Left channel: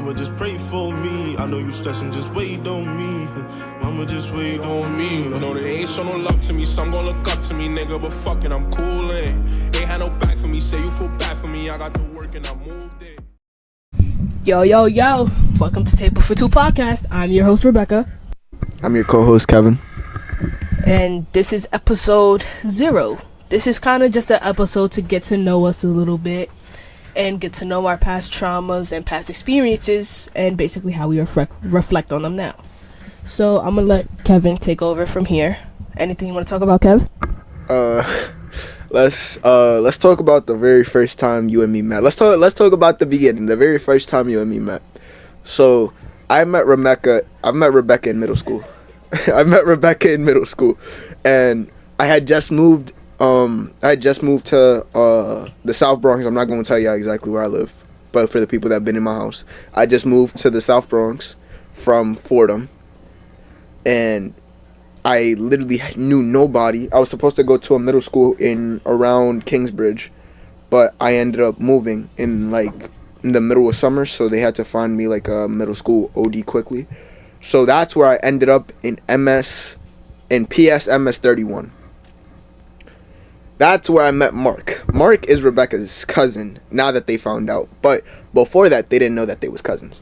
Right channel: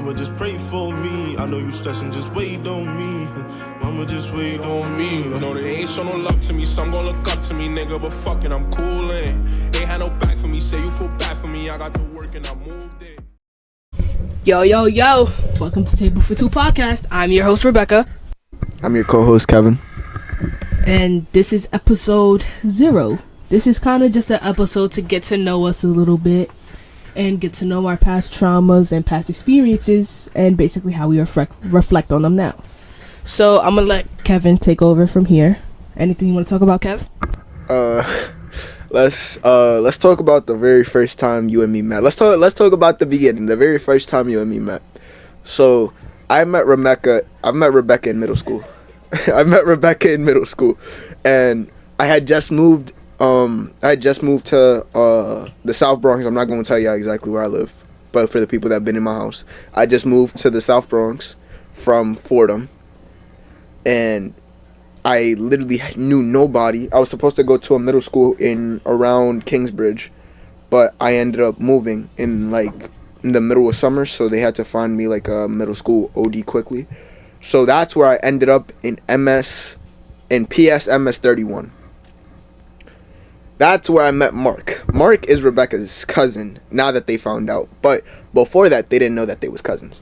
Mama, just pray for me. I know you stressing, just wait on me. Mama, just wait on me. You know they ain't show no love to me, some gon' look up to me, nigga. But fucking, I'm coolin'. Ain't had no back for me, say you feel bad for me. I got the work and I moved it. Yo, welcome to Table for Two podcast. I'm your host, Rebecca. I'm your co-host, Kevin. And this is episode 0. This is kind of just an episode to get to know us a little bit and get to know our past traumas and past experiences and basically how we reflect on them now. So I'm going to let Kevin take over from here. Anything you want to talk about, Kev? Let's talk about the very first time you and me met. Let's talk about the beginning, the very first time you and me met. So I met Rebecca in middle school. And I had just moved to the South Bronx. I'm not going to tell you exactly where I live, but for the people that have been in my house, I just moved to the South Bronx from Fordham, and I literally knew nobody. I was supposed to go to a middle school in around Kingsbridge, but I ended up moving in the middle of summer, so they had to find me like a middle school OD quickly. So that's where I ended up in PS MS 31. That's where I met Mark. Mark is Rebecca's cousin, now that they found out. But before that, they didn't know that they was cousins.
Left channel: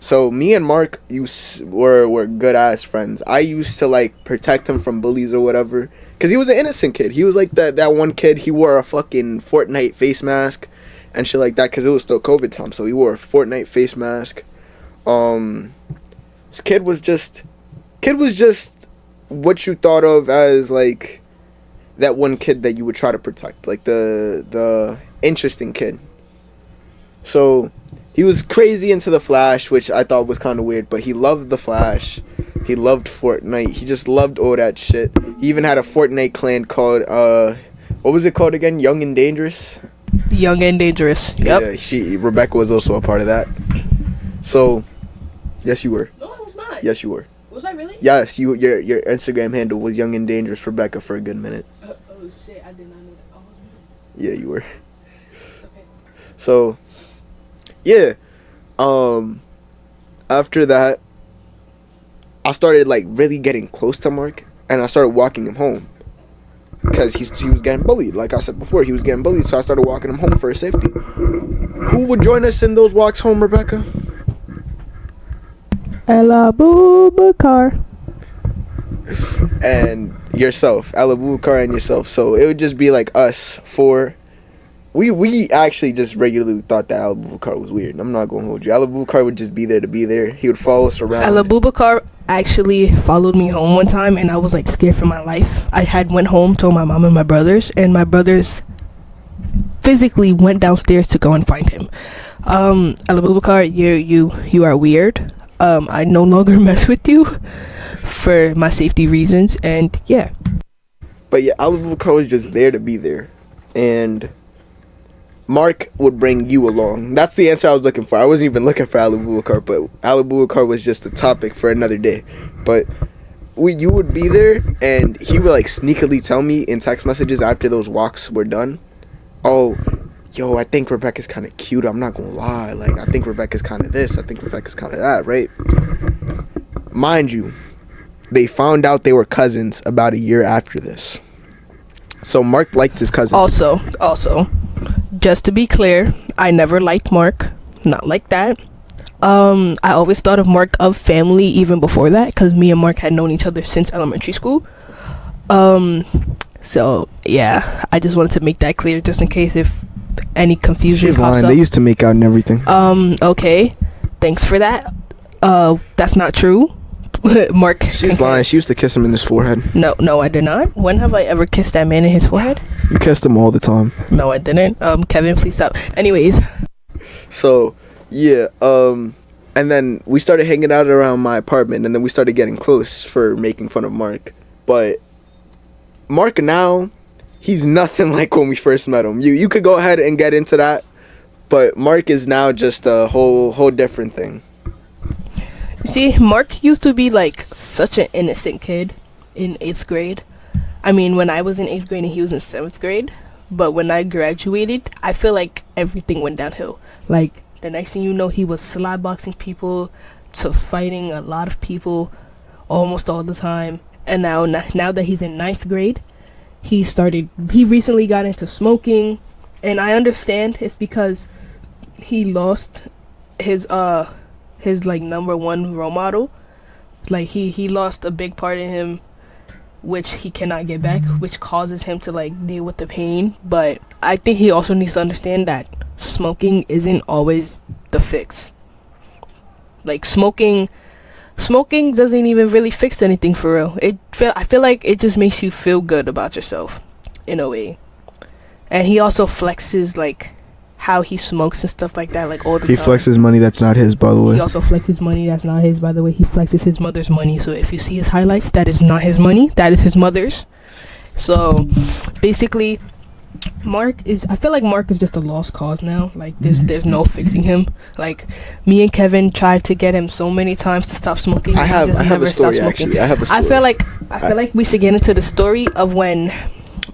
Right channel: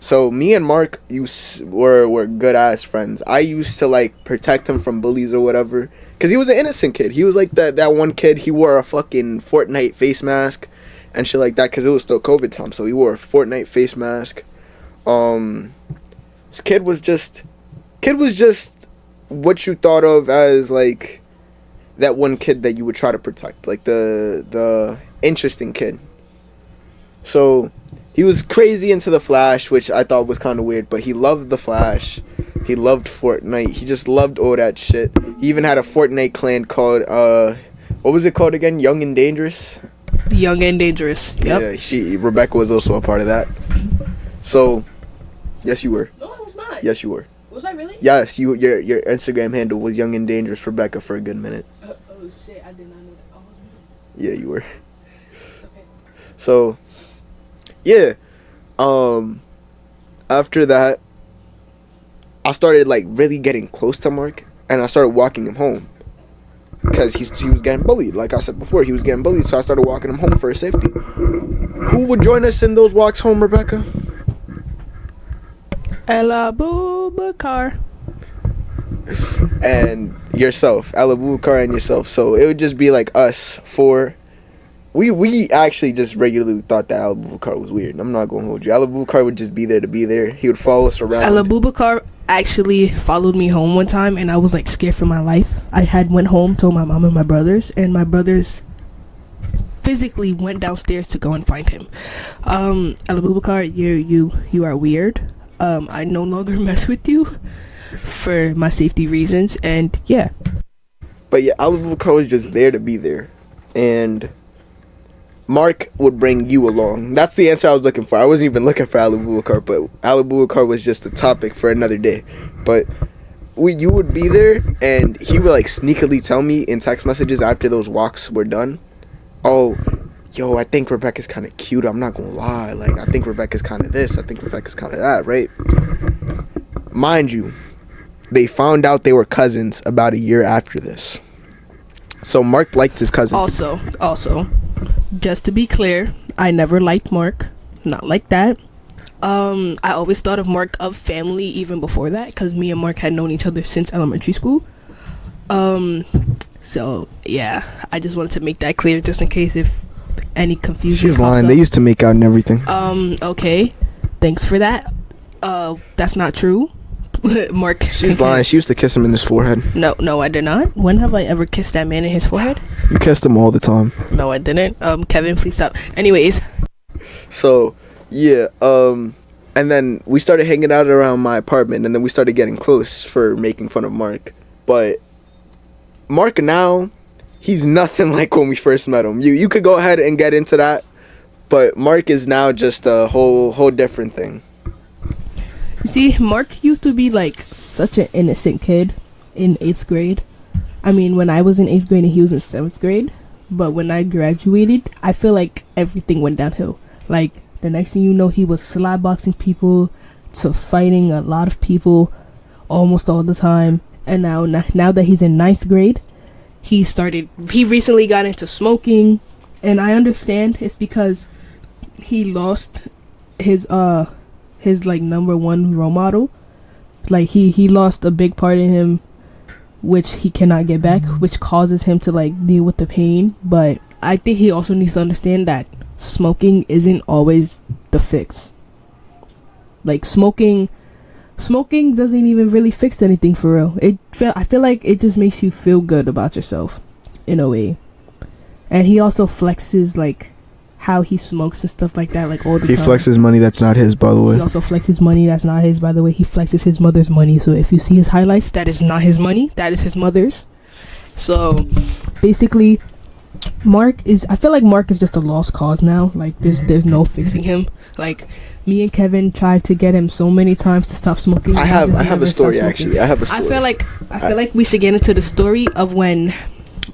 So me and Mark were good ass friends. I used to protect him from bullies or whatever, because he was an innocent kid. He was like that one kid. He wore a fucking Fortnite face mask and shit like that, because it was still COVID time. So he wore a Fortnite face mask. This kid was just what you thought of as that one kid that you would try to protect, the interesting kid. So he was crazy into the Flash, which I thought was kind of weird, but he loved the Flash. He loved Fortnite. He just loved all that shit. He even had a Fortnite clan called, what was it called again? Young and Dangerous? Young and Dangerous. Yep. Yeah, Rebecca was also a part of that. So, yes, you were. No, I was not. Yes, you were. Was I really? Yes, your Instagram handle was Young and Dangerous Rebecca for a good minute. Oh shit, I did not know that. Yeah, you were. It's okay. So, yeah. After that, I started really getting close to Mark, and I started walking him home, because he was getting bullied. Like I said before, he was getting bullied, so I started walking him home for his safety. Who would join us in those walks home, Rebecca? Ella Bubakar. And yourself, Ella Bubakar and yourself. So it would just be us four. We actually just regularly thought that Ella Bubakar was weird. I'm not gonna hold you. Ella Bubakar would just be there to be there. He would follow us around. Ella Bubakar actually followed me home one time, and I was scared for my life. I had went home, told my mom and my brothers, and my brothers physically went downstairs to go and find him. Ella Bubakar, you are weird. I no longer mess with you for my safety reasons, and yeah. But yeah, Ella Bubakar was just there to be there, and Mark would bring you along. That's the answer I was looking for. I wasn't even looking for Ella Bubakar, but Ella Bubakar was just a topic for another day. But you would be there, and he would sneakily tell me in text messages after those walks were done, "Oh, yo, I think Rebecca's kind of cute. I'm not gonna lie. I think Rebecca's kind of this. I think Rebecca's kind of that, right?" Mind you, they found out they were cousins about a year after this. So Mark liked his cousin. Also, just to be clear, I never liked Mark. Not like that. I always thought of Mark of family even before that, because me and Mark had known each other since elementary school. So yeah, I just wanted to make that clear, just in case if any confusion. She's lying. They used to make out and everything. Okay, thanks for that. That's not true. Mark. She's lying. She used to kiss him in his forehead. No, I did not. When have I ever kissed that man in his forehead? You kissed him all the time. No, I didn't. Kevin, please stop. Anyways. So, yeah, and then we started hanging out around my apartment, and then we started getting close for making fun of Mark. But Mark now, he's nothing like when we first met him. You could go ahead and get into that, but Mark is now just a whole different thing. You see, Mark used to be such an innocent kid in 8th grade. I mean, when I was in 8th grade and he was in 7th grade. But when I graduated, I feel like everything went downhill. The next thing you know, he was slapboxing people to fighting a lot of people almost all the time. And now that he's in 9th grade, he recently got into smoking. And I understand it's because he lost his like number one role model. Like he lost a big part in him, which he cannot get back, which causes him to like deal with the pain. But I think he also needs to understand that smoking isn't always the fix. Like smoking doesn't even really fix anything for real. I feel like it just makes you feel good about yourself in a way. And he also flexes like how he smokes and stuff like that, like all the time. He flexes money that's not his, by the way. He also flexes money that's not his, by the way. He flexes his mother's money. So if you see his highlights, that is not his money. That is his mother's. So basically, I feel like Mark is just a lost cause now. Like there's no fixing him. Like me and Kevin tried to get him so many times to stop smoking. I have a story actually. I feel like we should get into the story of when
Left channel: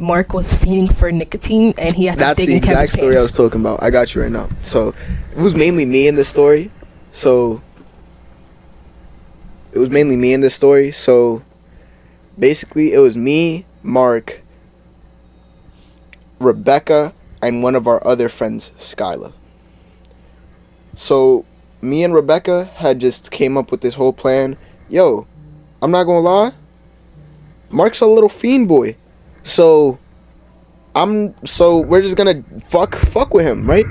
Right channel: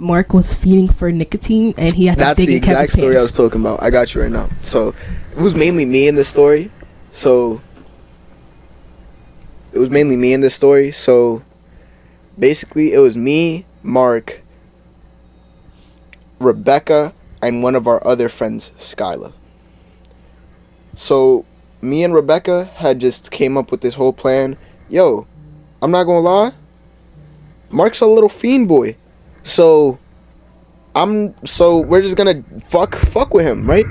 Mark was feeding for nicotine and he had to dig in Kevin's pants. That's the exact story I was talking about. I got you right now. So it was mainly me in this story. So basically it was me, Mark, Rebecca, and one of our other friends, Skyla. So me and Rebecca had just came up with this whole plan. Yo, I'm not gonna lie, Mark's a little fiend boy. So we're just gonna fuck with him, right?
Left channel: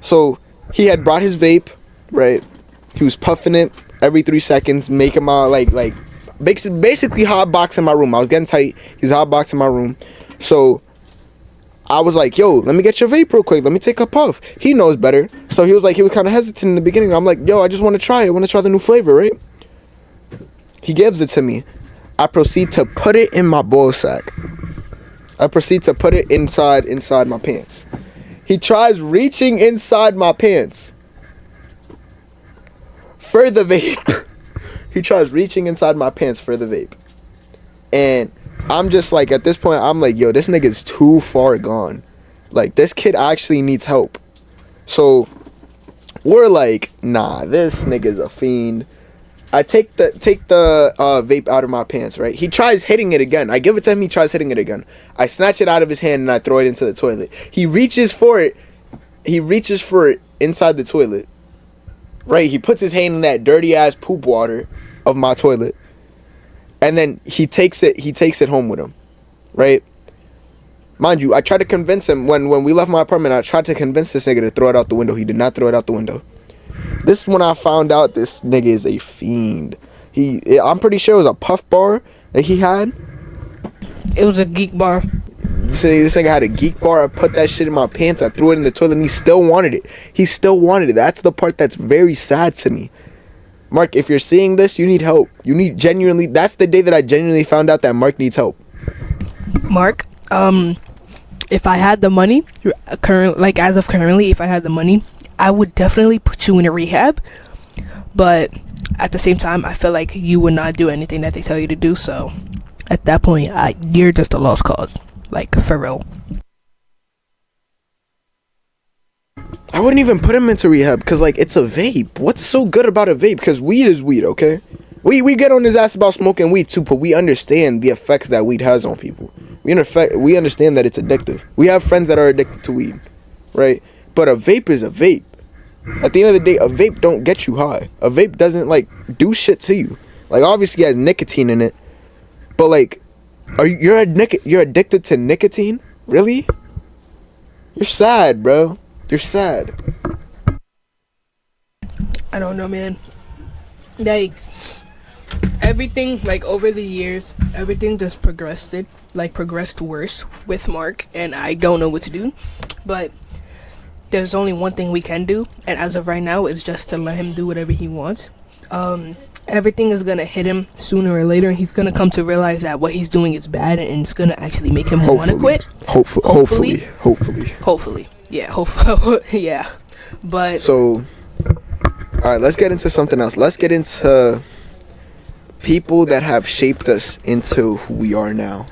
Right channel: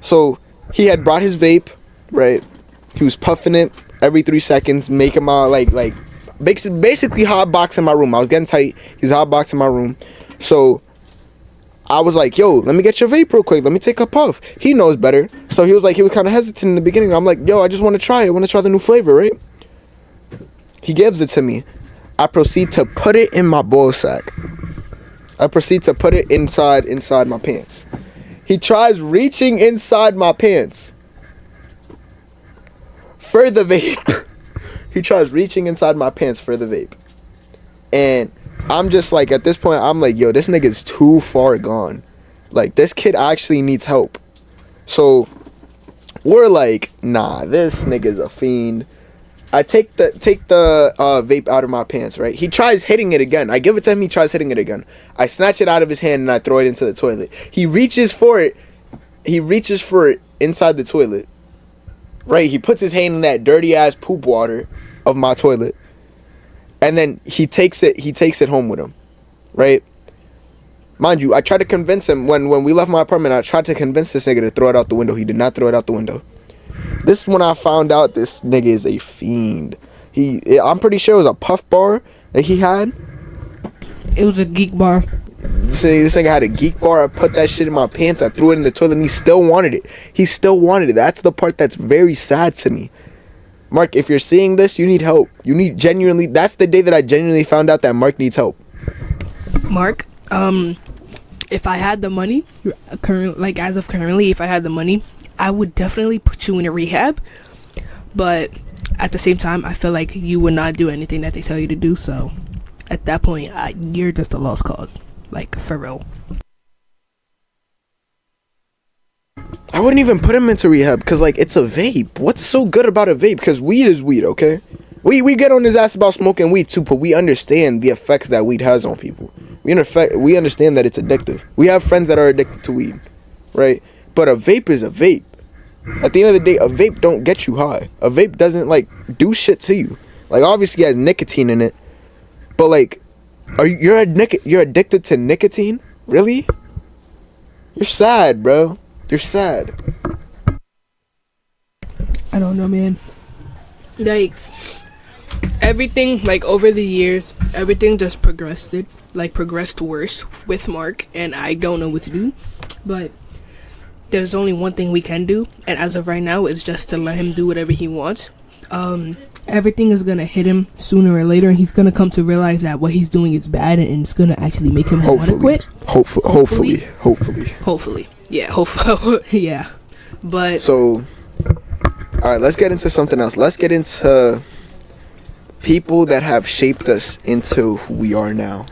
So he had brought his vape, right? He was puffing it every 3 seconds, making my like basically hotboxing my room. I was getting tight. He's hotboxing my room. So I was like, yo, let me get your vape real quick. Let me take a puff. He knows better. So he was kind of hesitant in the beginning. I'm like, yo, I just want to try it. I want to try the new flavor, right? He gives it to me. I proceed to put it in my ball sack. I proceed to put it inside my pants. He tries reaching inside my pants for the vape. He tries reaching inside my pants for the vape. And I'm just like, at this point, I'm like, yo, this nigga's too far gone. Like, this kid actually needs help. So we're like, nah, this nigga's a fiend. I take the vape out of my pants, right? He tries hitting it again. I give it to him. He tries hitting it again. I snatch it out of his hand and I throw it into the toilet. He reaches for it. Inside the toilet. Right? He puts his hand in that dirty ass poop water of my toilet. And then he takes it home with him. Right? Mind you, I tried to convince him when we left my apartment. I tried to convince this nigga to throw it out the window. He did not throw it out the window. This is when I found out this nigga is a fiend. I'm pretty sure it was a puff bar that he had. It was a geek bar. This nigga had a geek bar. I put that shit in my pants. I threw it in the toilet and he still wanted it. That's the part that's very sad to me. Mark, if you're seeing this, you need help. That's the day that I genuinely found out that Mark needs help. Mark, if I had the money, as of currently, if I had the money, I would definitely put you in a rehab. But at the same time, I feel like you would not do anything that they tell you to do. So at that point, you're just a lost cause. Like, for real. I wouldn't even put him into rehab because, like, it's a vape. What's so good about a vape? Because weed is weed, okay? We get on his ass about smoking weed too, but we understand the effects that weed has on people. We understand that it's addictive. We have friends that are addicted to weed, right? But a vape is a vape. At the end of the day, a vape don't get you high. A vape doesn't, like, do shit to you. Like, obviously it has nicotine in it, but, like, you're addicted to nicotine? Really? You're sad, bro. You're sad. I don't know, man. Like, everything, like, over the years, everything just progressed worse with Mark, and I don't know what to do. But there's only one thing we can do, and as of right now, it's just to let him do whatever he wants. Everything is gonna hit him sooner or later, and he's gonna come to realize that what he's doing is bad, and it's gonna actually make him want to quit. Hopefully. Yeah, hopefully. Yeah. But so, all right, let's get into something else. Let's get into people that have shaped us into who we are now.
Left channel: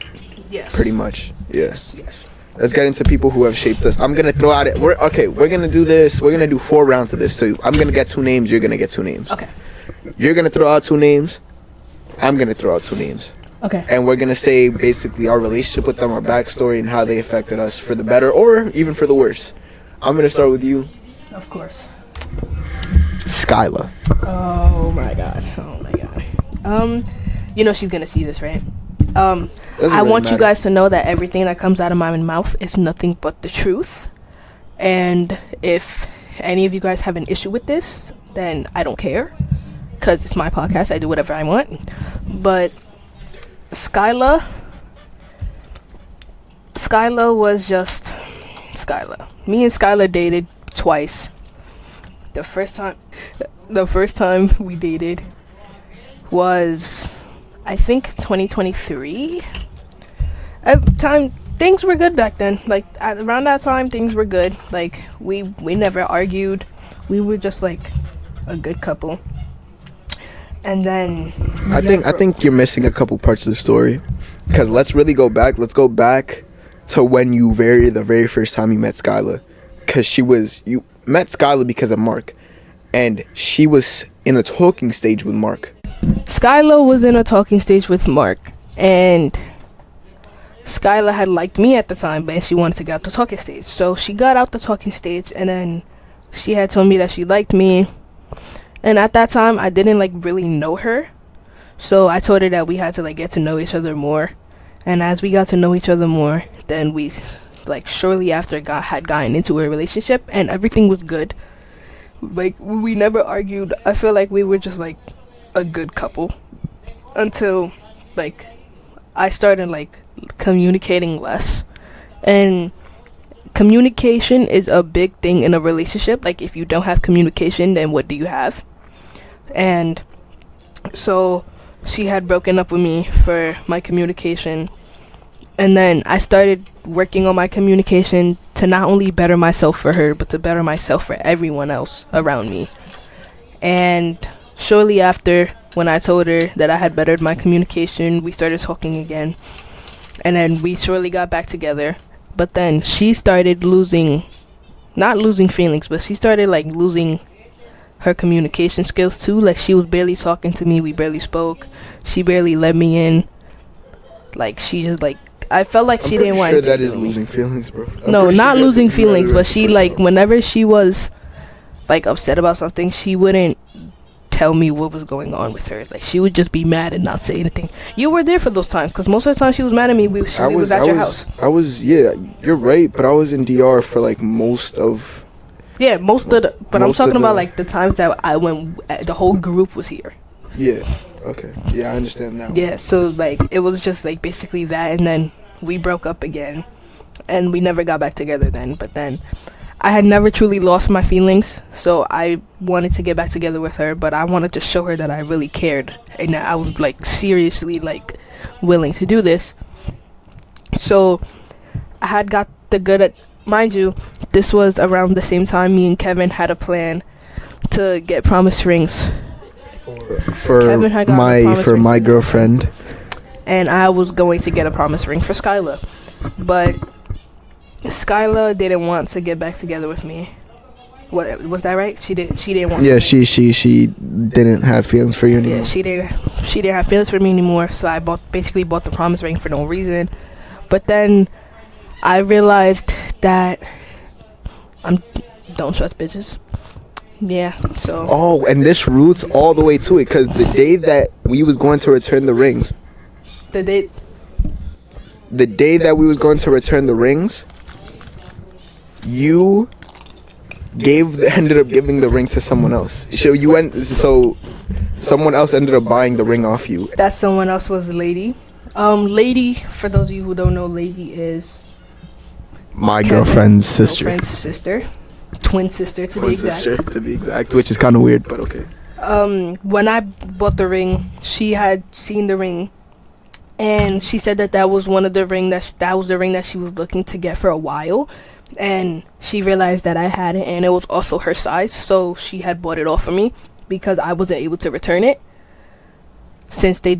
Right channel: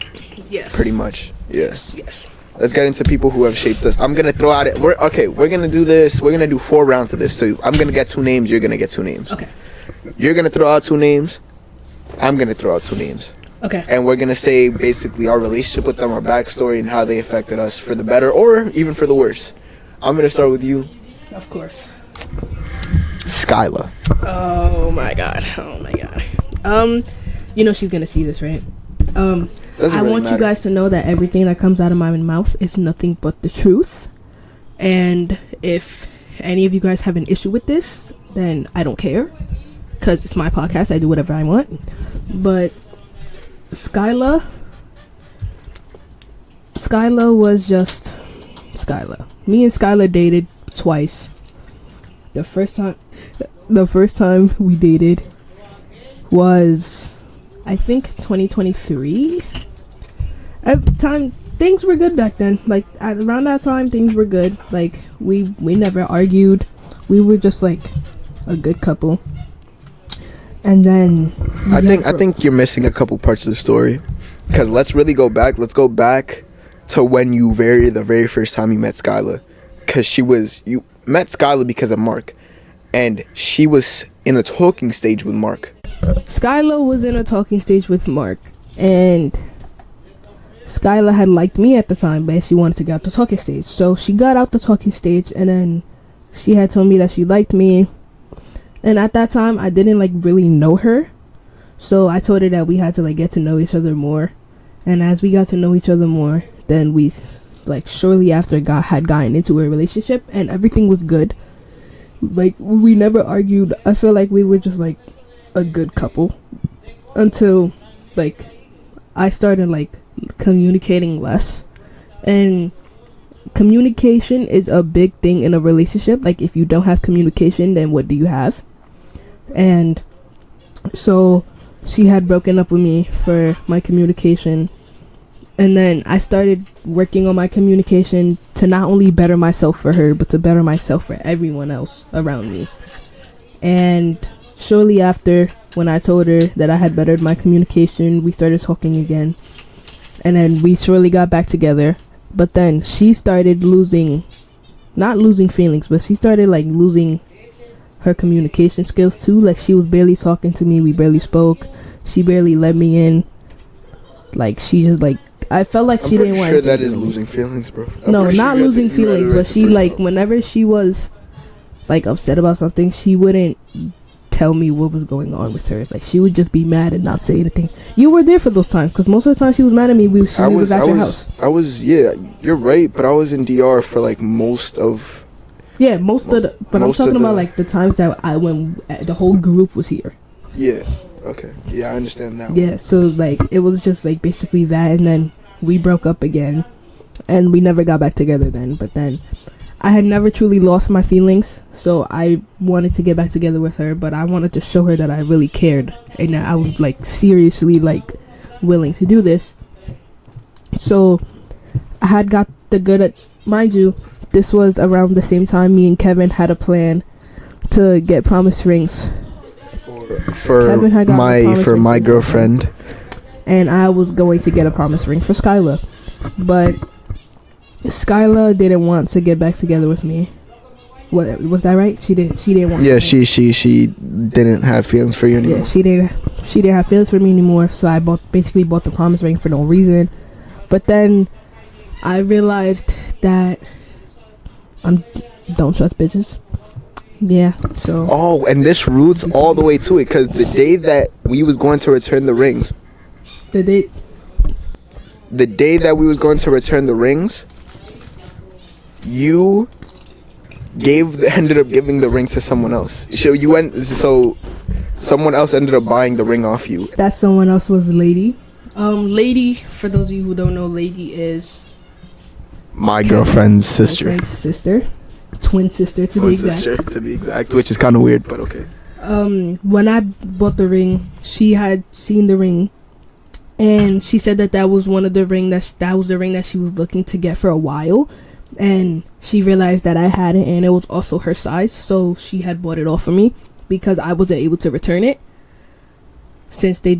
Yes. Pretty much. Yeah. Yes. Let's get into people who have shaped us. I'm gonna throw out it. We're gonna do this. We're gonna do 4 rounds of this. So I'm gonna get 2 names. You're gonna get 2 names. Okay. You're gonna throw out 2 names. I'm gonna throw out 2 names. Okay. And we're gonna say basically our relationship with them, our backstory, and how they affected us for the better or even for the worse. I'm gonna start with you, Of course. Skyla. Oh my god. You know she's gonna see this, right? Doesn't I really want you matter. guys to know that everything that comes out of my mouth is nothing but the truth. And if any of you guys have an issue with this, then I don't care, because it's my podcast. I do whatever I want. But Skyla was just Skyla. Me and Skyla dated twice. The first time we dated was, I think, 2023. At the time, things were good back then. Like around that time, things were good. Like we never argued. We were just like a good couple. And then I think you're missing a couple parts of the story, because let's really go back. Let's go back to when the very first time you met Skyla, because you met Skyla because of Mark, and she was in a talking stage with Mark. Skyla was in a talking stage with Mark, and Skyla had liked me at the time, but she wanted to get out the talking stage. So she got out the talking stage, and then she had told me that she liked me. And at that time, I didn't like really know her. So I told her that we had to like get to know each other more. And as we got to know each other more, then we like shortly after had gotten into a relationship, and everything was good. Like we never argued. I feel like we were just like a good couple until like I started like communicating less. And communication is a big thing in a relationship. Like if you don't have communication, then what do you have? And so she had broken up with me for my communication, and then I started working on my communication to not only better myself for her, but to better myself for everyone else around me. And shortly after, when I told her that I had bettered my communication, we started talking again, and then we shortly got back together. But then she started not losing feelings, but she started like losing her communication skills too. Like she was barely talking to me. We barely spoke. She barely let me in. Like she just like, I felt like she didn't want. I'm pretty sure that is losing feelings, bro. No, not losing feelings, but she like whenever she was like upset about something, she wouldn't tell me what was going on with her. Like she would just be mad and not say anything. You were there for those times, because most of the time she was mad at me. She was at your house. Yeah, you're right, but I was in DR for like most of. Yeah, but I'm talking about like the times that when the whole group was here. Yeah. Okay. Yeah, I understand that. Yeah, so like it was just like basically that, and then we broke up again, and we never got back together then. But then I had never truly lost my feelings, so I wanted to get back together with her, but I wanted to show her that I really cared and that I was like seriously like willing to do this. So I had got the good at, mind you, this was around the same time me and Kevin had a plan to get promise rings for my girlfriend, and I was going to get a promise ring for Skyla, but Skyla didn't want to get back together with me. What was that right? She didn't want. Yeah, she didn't have feelings for you anymore. Yeah, she didn't have feelings for me anymore. So I basically bought the promise ring for no reason. But then I realized that don't trust bitches. Yeah, so. Oh, and this roots all the way to it, because the day that we was going to return the rings. The day that we was going to return the rings, you ended up giving the ring to someone else. So someone else ended up buying the ring off you. That someone else was Lady. Lady, for those of you who don't know, Lady is my girlfriend's sister. Twin sister to be exact, which is kind of weird, but okay. When I bought the ring, she had seen the ring, and she said that was one of the ring that was the ring that she was looking to get for a while, and she realized that I had it, and it was also her size, so she had bought it off for me because I wasn't able to return it since they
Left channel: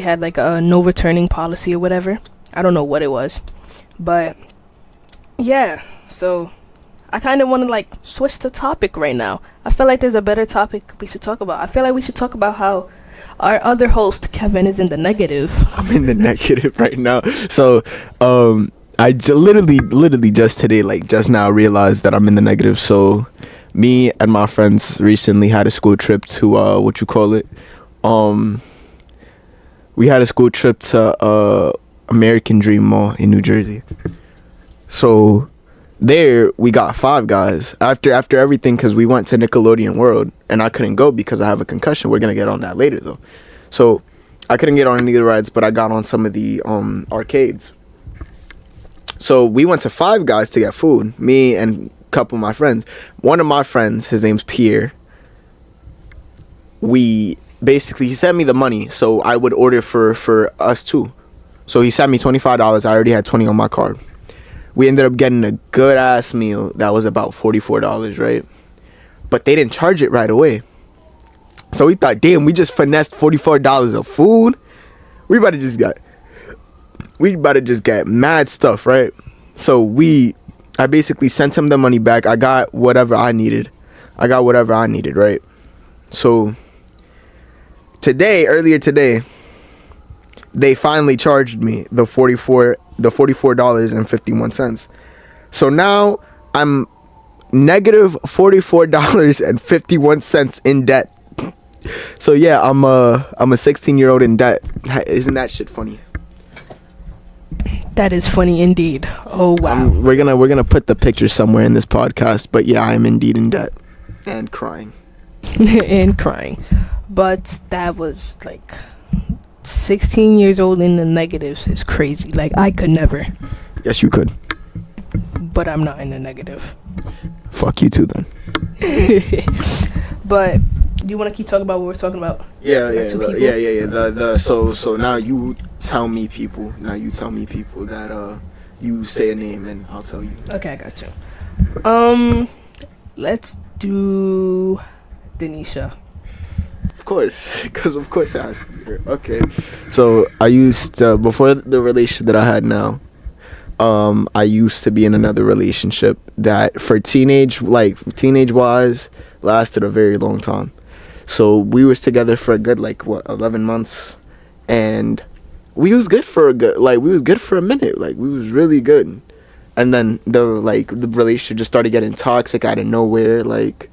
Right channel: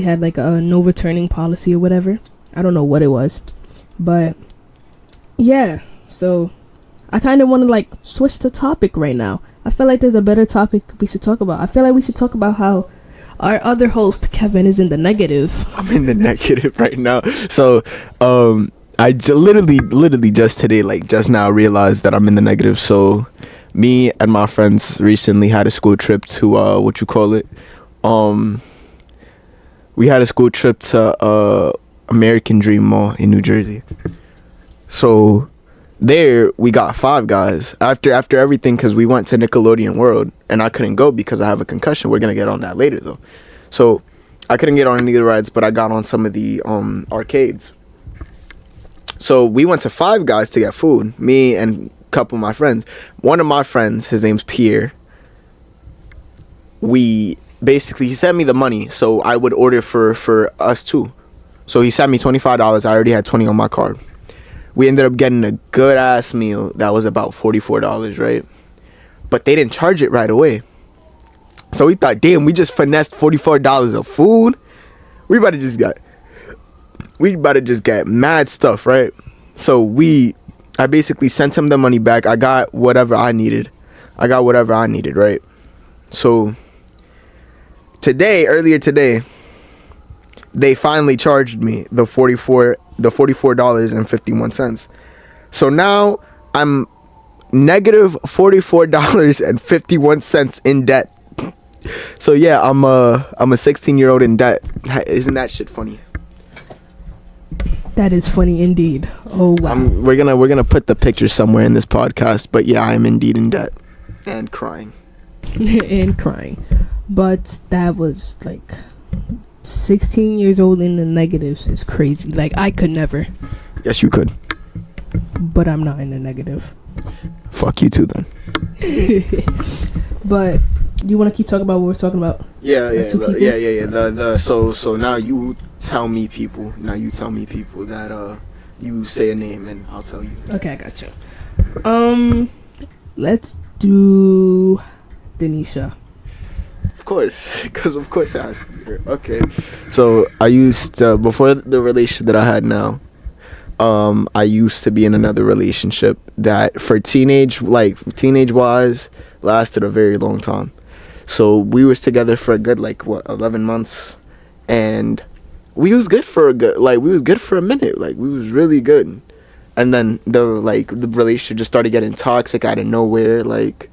had like a no returning policy or whatever. I don't know what it was, but Yeah, so I kind of want to like switch the topic right now. I feel like there's a better topic we should talk about. I feel like we should talk about how our other host Kevin is in the negative. I'm in the negative right now. So, literally just today, like just now, realized that I'm in the negative. So, me and my friends recently had a school trip to we had a school trip to American Dream Mall in New Jersey. So there we got Five Guys after everything, because we went to Nickelodeon World and I couldn't go because I have a concussion. We're gonna get on that later though. So I couldn't get on any of the rides, but I got on some of the arcades. So we went to Five Guys to get food, me and a couple of my friends. One of my friends, his name's Pierre, he sent me the money so I would order for us too. So he sent me $25. I already had 20 on my card. We ended up getting a good ass meal that was about $44, right? But they didn't charge it right away. So we thought, damn, we just finessed $44 of food. We about to just get mad stuff, right? So I basically sent him the money back. I got whatever I needed, right? So earlier today, they finally charged me the $44.51. So now I'm negative $44.51 in debt. So yeah, I'm a 16-year-old in debt. Isn't that shit funny? That is funny indeed. Oh wow. We're gonna put the picture somewhere in this podcast, but yeah, I'm indeed in debt and crying. And crying. But that was like 16 years old in the negatives is crazy. Like I could never. Yes, you could. But I'm not in the negative. Fuck you too then. But do you want to keep talking about what we're talking about? Yeah. So now you tell me people that you say a name and I'll tell you. Okay, I got you. Let's do Denisha. Of course, because of course it has to be her. Okay. So I used to, before the relationship that I had now, I used to be in another relationship that for teenage wise lasted a very long time. So we was together for a good 11 months, and we was good for a minute. Like we was really good. And then the relationship just started getting toxic out of nowhere. Like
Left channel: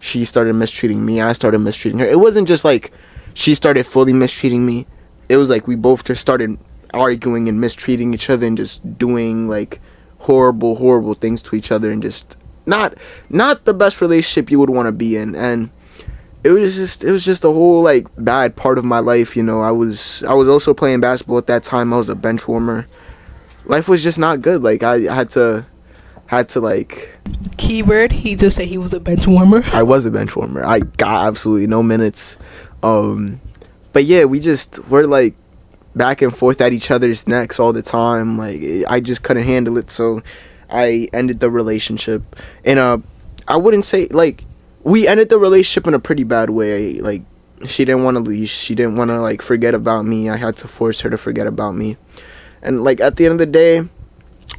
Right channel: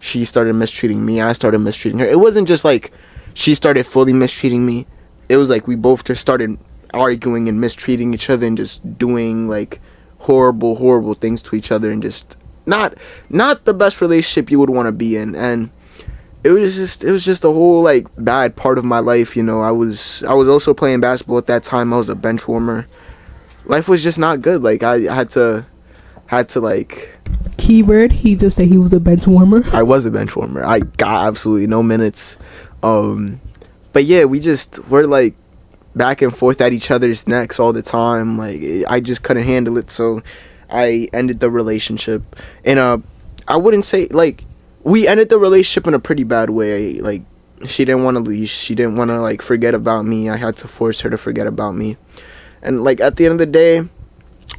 she started mistreating me, I started mistreating her. It wasn't just like she started fully mistreating me. It was like we both just started arguing and mistreating each other and just doing like horrible things to each other, and just not the best relationship you would want to be in. And it was just a whole like bad part of my life, you know. I was also playing basketball at that time. I was a bench warmer. Life was just not good. Like I had to like, keyword, he just said he was a bench warmer. I was a bench warmer. I got absolutely no minutes. But yeah, we're like back and forth at each other's necks all the time. Like I just couldn't handle it, so I ended the relationship. And I wouldn't say like we ended the relationship in a pretty bad way. Like she didn't want to leave. She didn't want to like forget about me. I had to force her to forget about me. And like at the end of the day,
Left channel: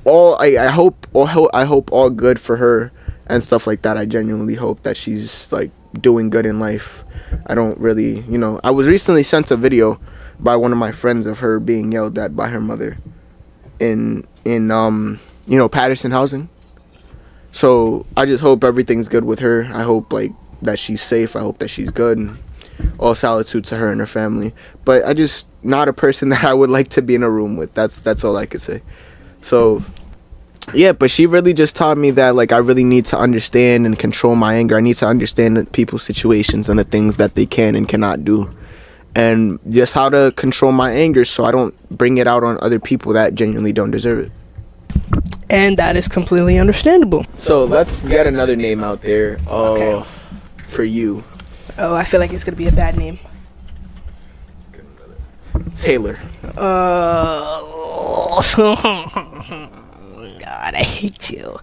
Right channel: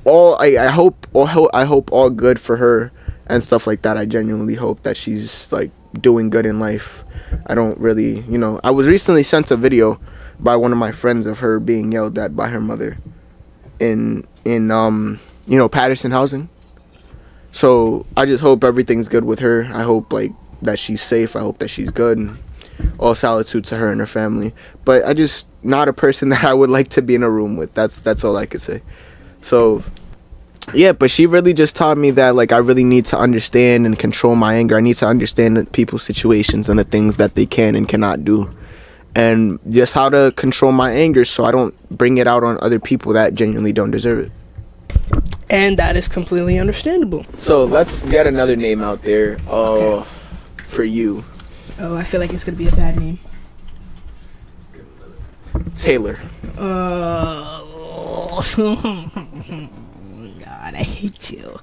I hope all good for her and stuff like that. I genuinely hope that she's like doing good in life. I don't really, you know, I was recently sent a video by one of my friends of her being yelled at by her mother in Patterson housing. So I just hope everything's good with her. I hope like that she's safe. I hope that she's good. And all solitude to her and her family. But I just not a person that I would like to be in a room with. That's all I could say. So yeah, but she really just taught me that like I really need to understand and control my anger. I need to understand people's situations and the things that they can and cannot do, and just how to control my anger so I don't bring it out on other people that genuinely don't deserve it. And that is completely understandable. So let's get another name out there. Okay. For you. Oh, I feel like it's gonna be a bad name. Taylor. God, I hate you.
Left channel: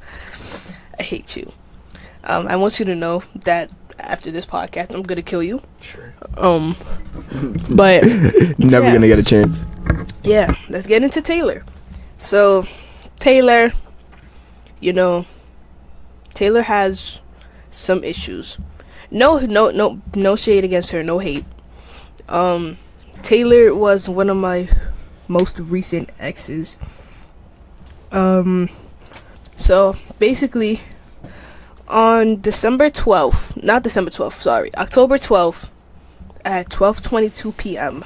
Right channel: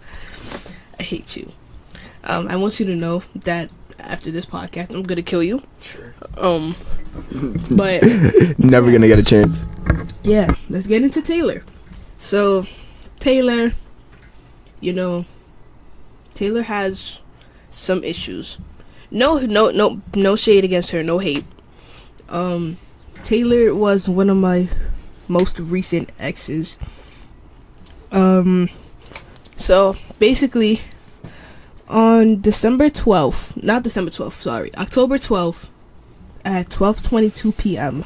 I want you to know that after this podcast, I'm gonna kill you. Sure. But never gonna get a chance. Yeah, let's get into Taylor. So, Taylor, you know, Taylor has some issues. No shade against her, no hate. Taylor was one of my most recent exes. So basically, on October 12th, at 12:22 p.m.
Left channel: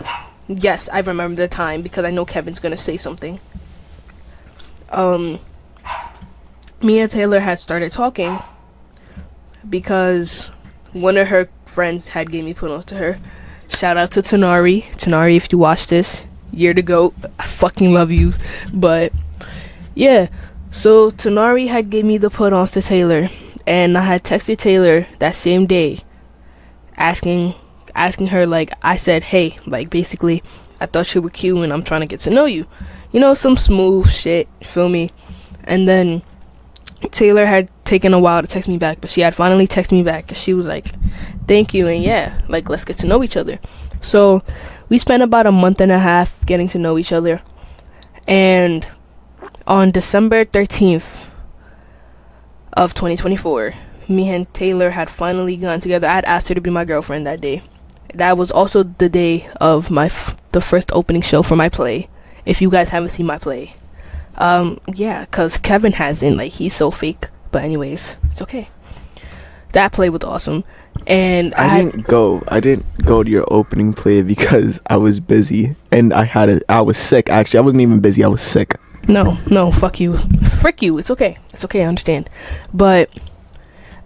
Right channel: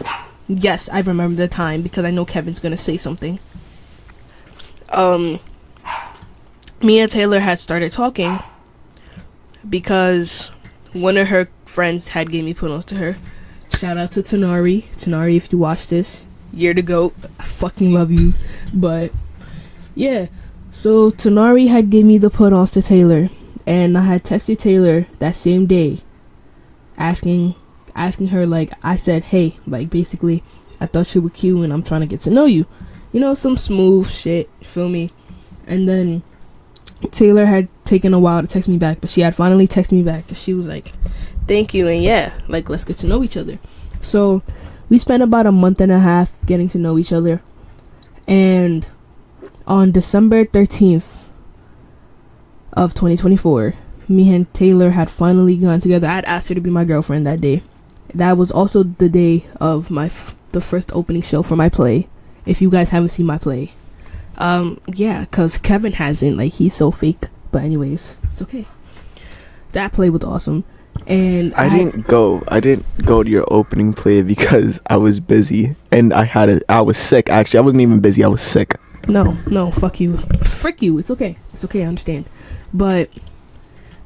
Yes, I remember the time because I know Kevin's gonna say something. Me and Taylor had started talking because one of her friends had gave me put-ons to her. Shout out to Tanari. Tanari, if you watch this, you're the GOAT. I fucking love you. But yeah, so Tanari had gave me the put-ons to Taylor, and I had texted Taylor that same day, asking her, like, I said, hey, like, basically, I thought you were cute and I'm trying to get to know you. You know, some smooth shit, feel me? And then Taylor had taken a while to text me back, but she had finally texted me back, and she was like, thank you, and yeah, like, let's get to know each other. So we spent about a month and a half getting to know each other, and on December 13th of 2024, me and Taylor had finally gone together. I had asked her to be my girlfriend that day. That was also the day of the first opening show for my play. If you guys haven't seen my play, yeah, cause Kevin hasn't. Like, he's so fake. But anyways, it's okay. That play was awesome, and I didn't go to your opening play because I was busy and I was sick. Actually, I wasn't even busy. I was sick. No, fuck you, frick you. It's okay. I understand. But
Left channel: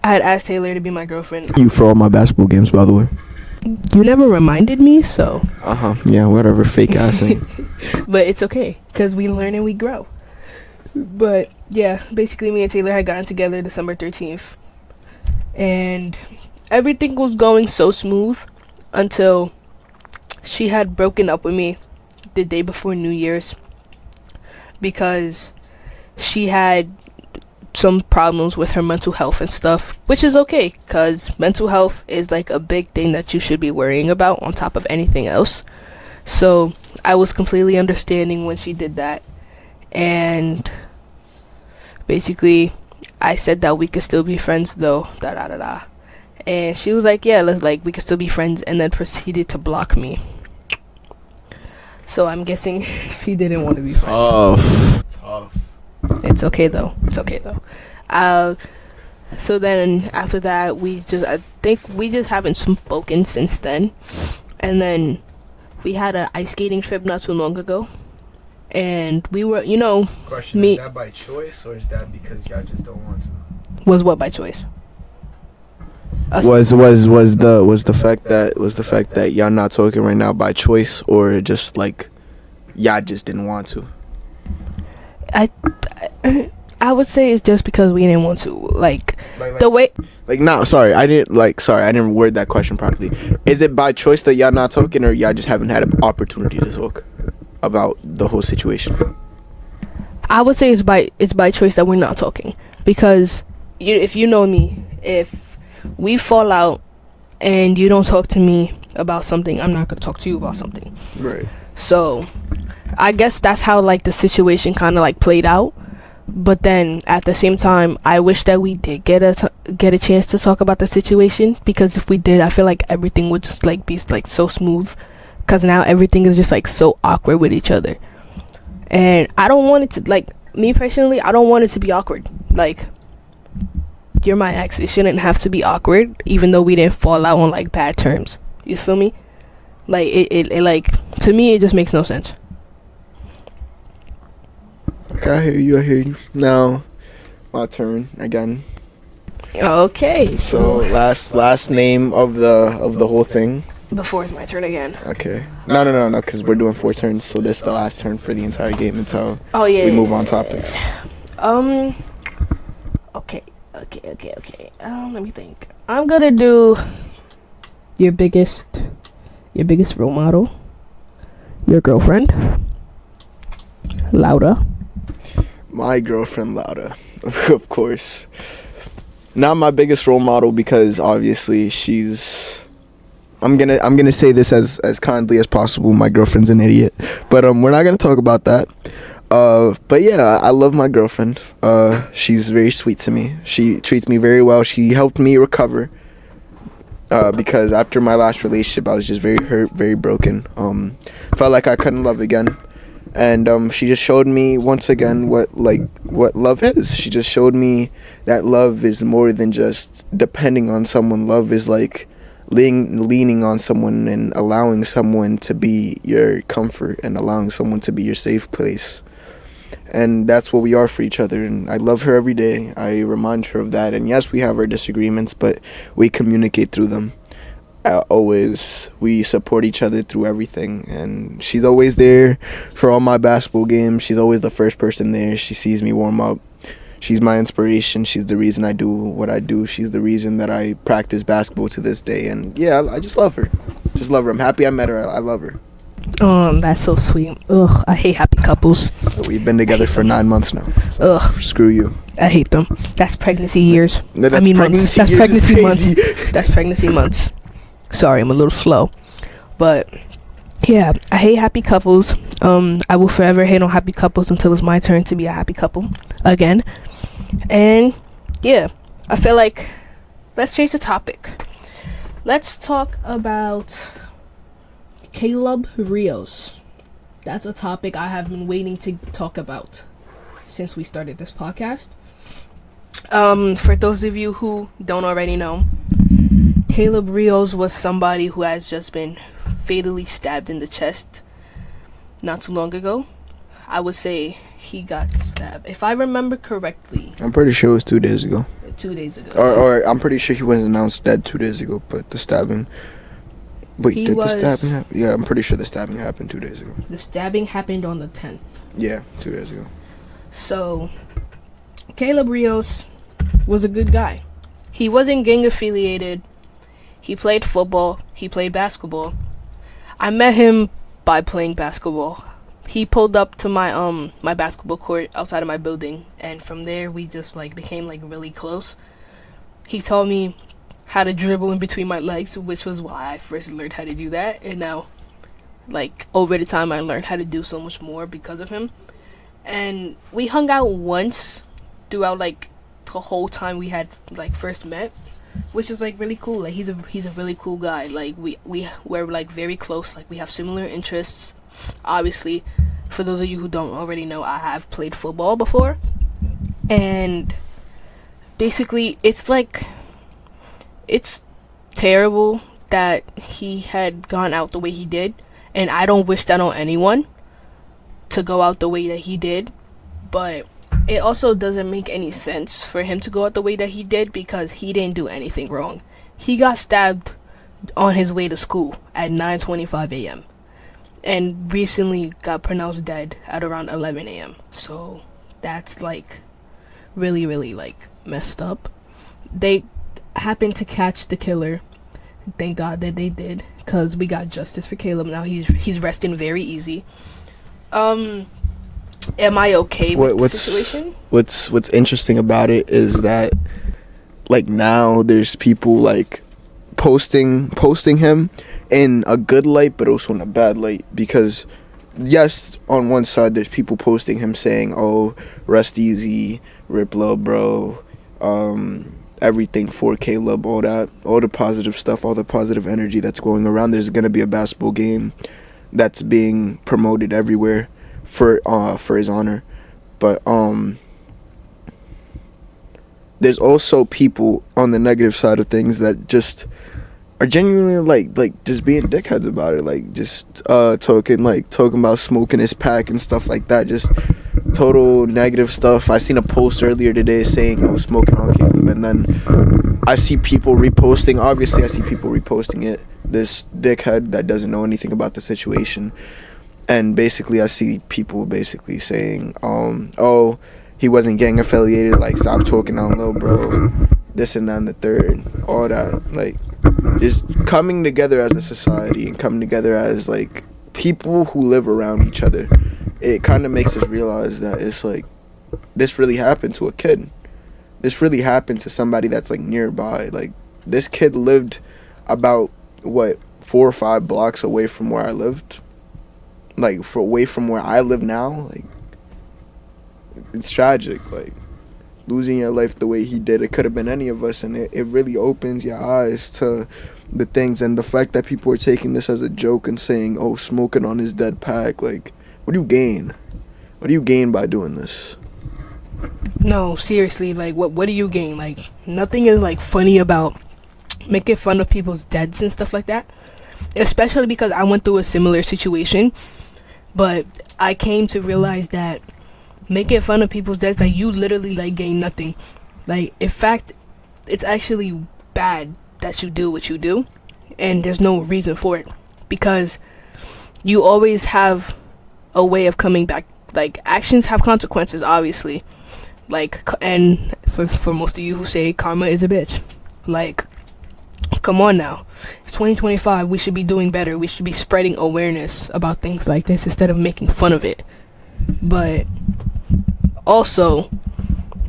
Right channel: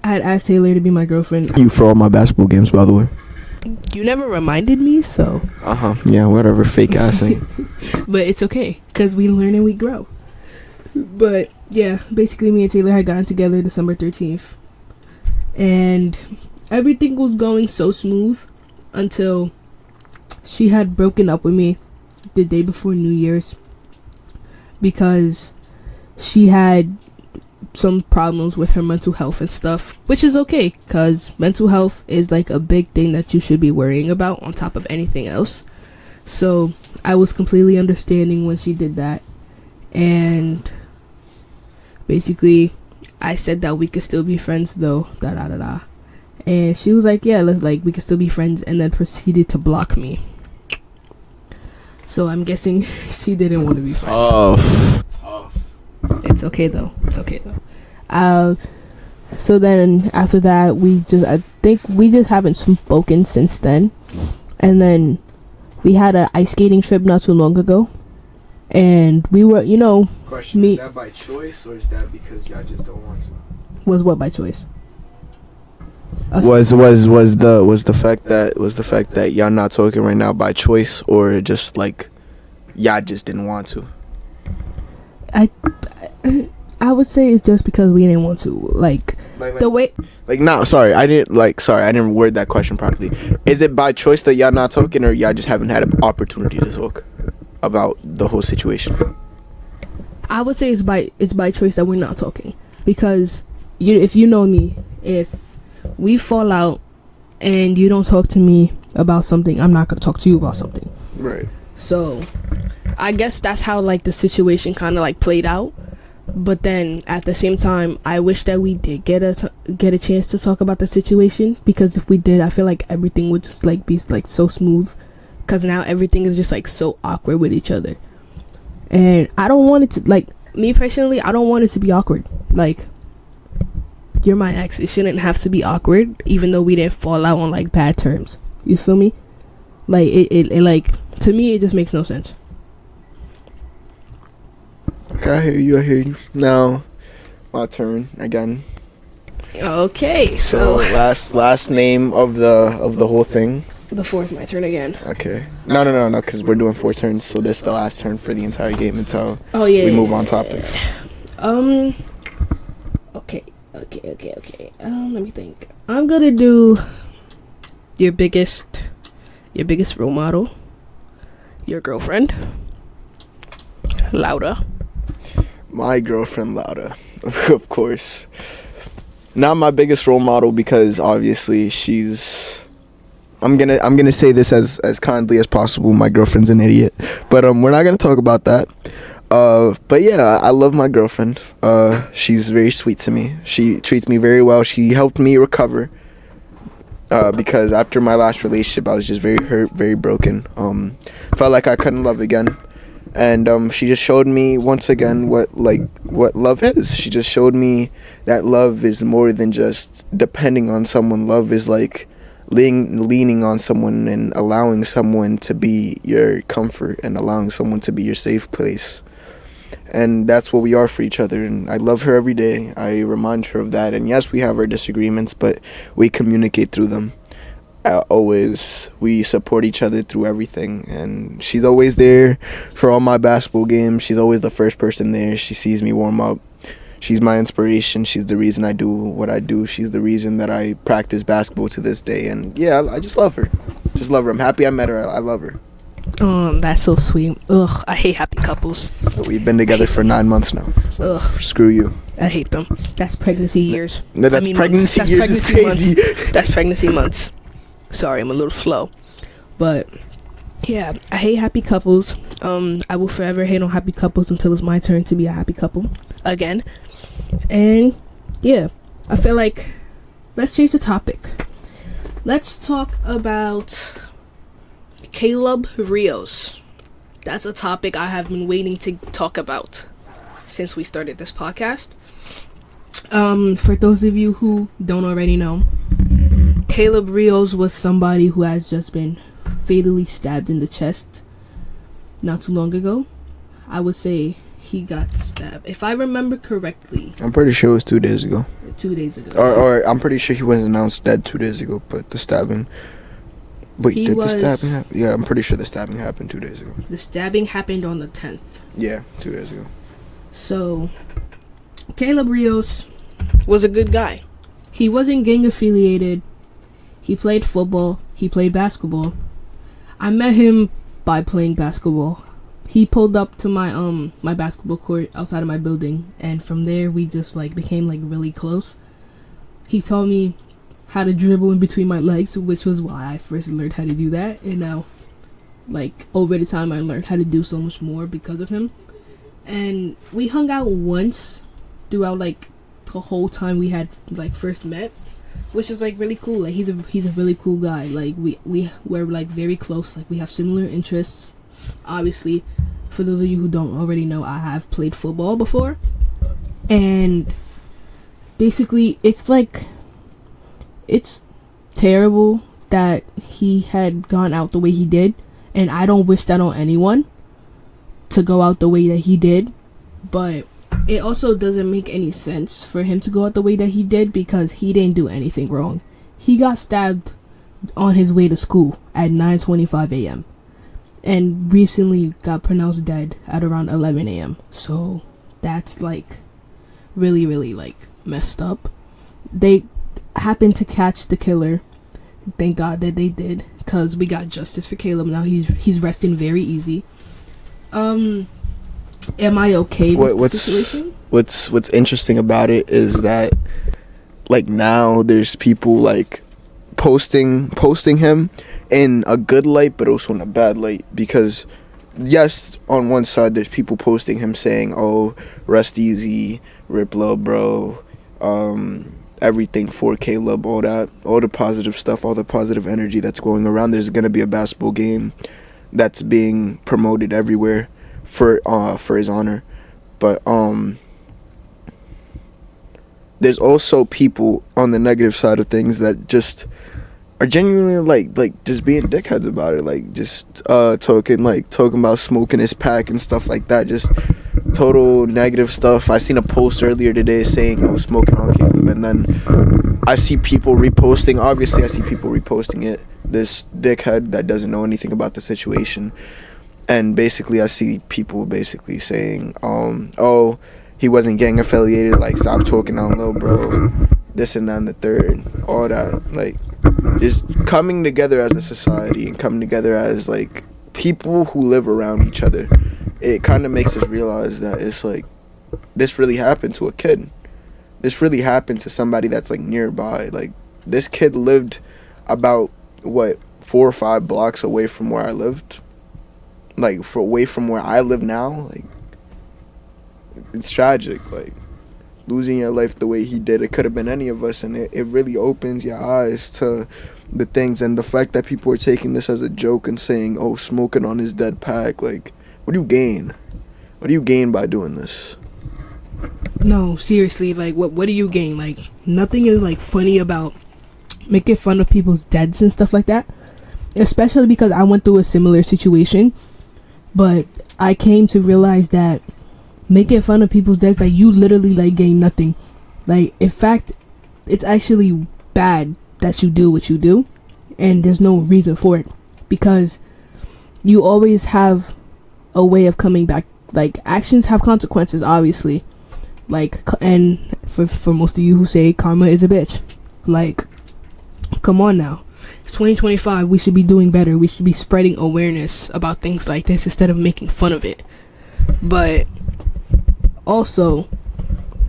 I had asked Taylor to be my girlfriend. You for all my basketball games, by the way. You never reminded me, so. Yeah, whatever, fake ass thing. But it's okay, because we learn and we grow. But yeah, basically me and Taylor had gotten together December 13th. And everything was going so smooth until she had broken up with me the day before New Year's, because she had some problems with her mental health and stuff, which is okay, because mental health is like a big thing that you should be worrying about on top of anything else. So I was completely understanding when she did that, and basically I said that we could still be friends though, and she was like, yeah, we could still be friends, and then proceeded to block me. So I'm guessing she didn't want to be friends. Tough. It's okay though. So then after that, I think we just haven't spoken since then. And then we had an ice skating trip not too long ago, and we were, Question: is that by choice, or is that because y'all just don't want to? Was what by choice? Was the fact that y'all not talking right now by choice, or just like y'all just didn't want to? I would say it's just because we didn't want to. Like the way. I didn't word that question properly. Is it by choice that y'all not talking, or y'all just haven't had an opportunity to talk about the whole situation? I would say it's by choice that we're not talking, because if you know me, if we fall out and you don't talk to me about something, I'm not gonna talk to you about something. Right. So I guess that's how like the situation kind of like played out. But then at the same time, I wish that we did get a chance to talk about the situation, because if we did, I feel like everything would just like be like so smooth, because now everything is just like so awkward with each other, and I don't want it to, like, me personally, I don't want it to be awkward. Like, you're my ex, it shouldn't have to be awkward, even though we didn't fall out on like bad terms. You feel me? Like it like, to me it just makes no sense. Okay, I hear you. Now, my turn again. Okay, So last name of the whole thing. before it's my turn again. Okay. No, because we're doing 4 turns, so this is the last turn for the entire game until we move on topics. Okay. Let me think. I'm gonna do your biggest role model, your girlfriend, Lauda. My girlfriend, Lauda, of course. Not my biggest role model, because obviously she's. I'm gonna say this as kindly as possible. My girlfriend's an idiot, but we're not gonna talk about that. But yeah, I love my girlfriend. She's very sweet to me. She treats me very well. She helped me recover. Because after my last relationship, I was just very hurt, very broken. Felt like I couldn't love again. And she just showed me once again what love is. She just showed me that love is more than just depending on someone. Love is like leaning on someone and allowing someone to be your comfort and allowing someone to be your safe place. And that's what we are for each other. And I love her every day. I remind her of that. And yes, we have our disagreements, but we communicate through them. We support each other through everything. And she's always there for all my basketball games. She's always the first person there. She sees me warm up. She's my inspiration. She's the reason I do what I do. She's the reason that I practice basketball to this day. And yeah, I just love her. Just love her. I'm happy I met her. I love her. That's so sweet. Ugh, I hate happy couples. We've been together for 9 months now. So Ugh. screw you. I hate them. That's pregnancy years. No, that's pregnancy months. years. That's Is pregnancy crazy. months. That's pregnancy months. Sorry, I'm a little slow. But yeah, I hate happy couples. I will forever hate on happy couples until it's my turn to be a happy couple again. And yeah, I feel like let's change the topic. Let's talk about Caleb Rios. That's a topic I have been waiting to talk about since we started this podcast. For those of you who don't already know, Caleb Rios was somebody who has just been fatally stabbed in the chest not too long ago. I would say he got stabbed, if I remember correctly, I'm pretty sure it was 2 days ago. 2 days ago. Or I'm pretty sure he was announced dead 2 days ago, but the stabbing... Wait, the stabbing happen? Yeah, I'm pretty sure the stabbing happened 2 days ago. The stabbing happened on the 10th. Yeah, 2 days ago. So, Caleb Rios was a good guy. He wasn't gang affiliated. He played football. He played basketball. I met him by playing basketball. He pulled up to my my basketball court outside of my building, and from there we just became really close. He taught me how to dribble in between my legs, which was why I first learned how to do that. And now, over the time, I learned how to do so much more because of him. And we hung out once throughout the whole time we had first met, which was really cool. He's a really cool guy. We're very close. We have similar interests. Obviously, for those of you who don't already know, I have played football before, and basically it's terrible that he had gone out the way he did, and I don't wish that on anyone to go out the way that he did, but it also doesn't make any sense for him to go out the way that he did because he didn't do anything wrong. He got stabbed on his way to school at 9:25 a.m. and recently got pronounced dead at around 11 a.m. So that's really, really messed up. They happened to catch the killer. Thank God that they did, because we got justice for Caleb. Now he's resting very easy. Am I okay with the situation? What's interesting about it is that now there's people posting him in a good light but also in a bad light, because yes, on one side there's people posting him saying, oh, rest easy, rip low, bro, everything for Caleb, all the positive stuff, all the positive energy that's going around. There's gonna be a basketball game that's being promoted everywhere for his honor, but there's also people on the negative side of things that just are genuinely just being dickheads about it, just talking about smoking his pack and stuff like that, just total negative stuff. I seen a post earlier today saying I was smoking on Caleb, and then I see people reposting. Obviously, I see people reposting it. This dickhead that doesn't know anything about the situation, and basically, I see people basically saying, "Oh, he wasn't gang affiliated. Stop talking on low, bro. This and that and the third, all that. Just coming together as a society and coming together as people who live around each other. It kind of makes us realize that it's this really happened to a kid. This really happened to somebody that's nearby. This kid lived about 4 or 5 blocks away from where I lived. Away from where I live now. it's tragic. Like, losing your life the way he did, it could have been any of us, and it really opens your eyes to the things, and the fact that people are taking this as a joke and saying, oh, smoking on his dead pack, like, what do you gain? What do you gain by doing this? No, seriously, like, what do you gain? Like, nothing is, like, funny about making fun of people's deads and stuff like that. Especially because I went through a similar situation. But I came to realize that making fun of people's deaths, like, you literally, like, gain nothing. Like, in fact, it's actually bad that you do what you do. And there's no reason for it. Because you always have a way of coming back. Like, actions have consequences, obviously. Like, and for most of you who say karma is a bitch, like, come on now. It's 2025. We should be doing better. We should be spreading awareness about things like this instead of making fun of it. But also,